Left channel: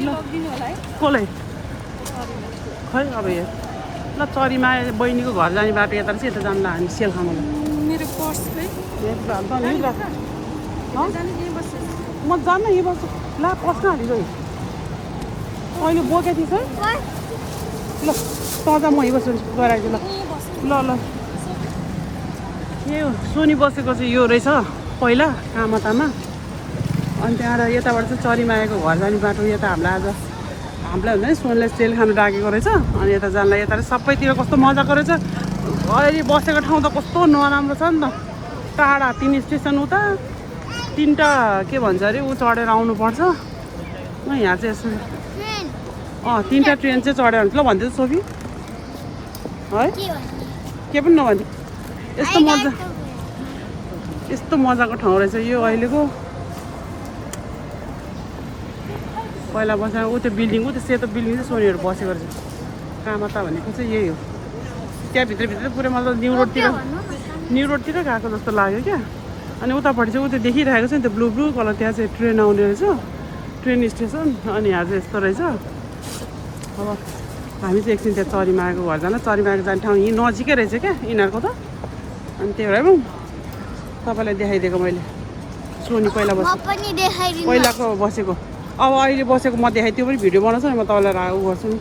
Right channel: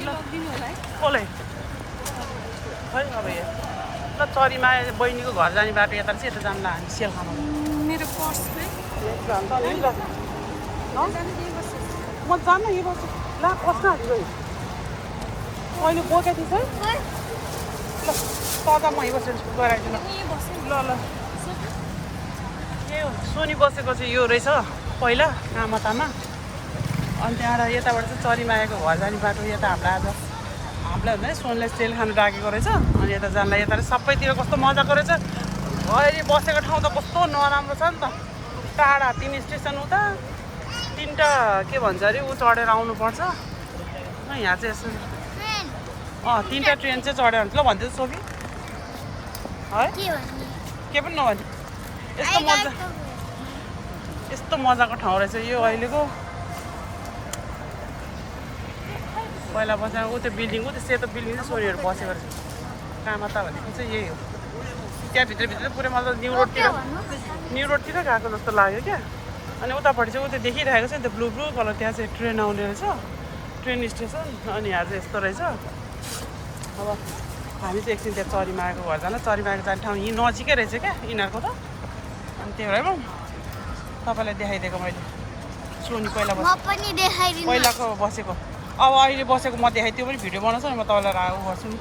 कसलाई खै अब यो ल चरीमा बहिनीको घर जाने बाटो यता चाहिँ यता जानु हामी सेल खानु मेरो पर्स म जानु यही बस्छु ल बस्न हाल्नु मैले बोकेको थिएँ ल तँ म यही बस्छु गराइदिनु ल ल यो सुनि बसेको चाहिँ यो रहेछ पहिला कामतामा अनि त्यहाँबाट यताबाट चाहिँ चरीमायाको घर जाने बाटो यता हामीलाई हुन्छ नि सोनले सेल खानु राखेको रहेछ अनि यता जानलाई यता सबैतिर कस्तो मजाको रहेछ अहिले बसेको ठाउँ त कस्तो नराम्रो छ नि त टाढा 3 स्टेसन उता 3टा के भन्छ अरे ऊ चढेर आउनुपर्छ न यहाँ चाहिँ यसो 3टा ट्रेन चाहिँ चढेर हुन्छ ल भन्दै सोफी है के पनि नभन्थ्यो यस्तो मजाको ठाउँ रहेछ यो अहिलेको पहिला बसेर ऊ त्यो बिल्डिङ ऊ त्यो सेतो बिल्डिङ चाहिँ सोनीहरू बसेको रहेछ कामता भनेको चाहिँ यही हो त्यहाँ भित्र पुरै मतलब न्यु रोडतिर गएको जस्तो लाग्यो क्या अनि उतापट्टि चाहिँ ऊ त्यो देखिरहेको छ नि त्यो ब्लू कलर त्यहाँ चाहिँ ट्रेन आउने रहेछ ट्रेन स्टेसन अनि यहाँ चाहिँ यस्तो रहेछ हामी चाहिँ एकछिन त्यहाँ चरीमायाको घर जान चरीमायाको जाने ठाउँ यहीँ नजिकै रहेछ क्या यिनीहरूको त अनि त्यही भएर तपाईँलाई देखाइदिएको मैले सोनी पहिलाको बसेको अब अहिले बसेको म देखाइ त्यो पनि भिडियो बनाउँछु नि म तपाईँलाई गर्छु नि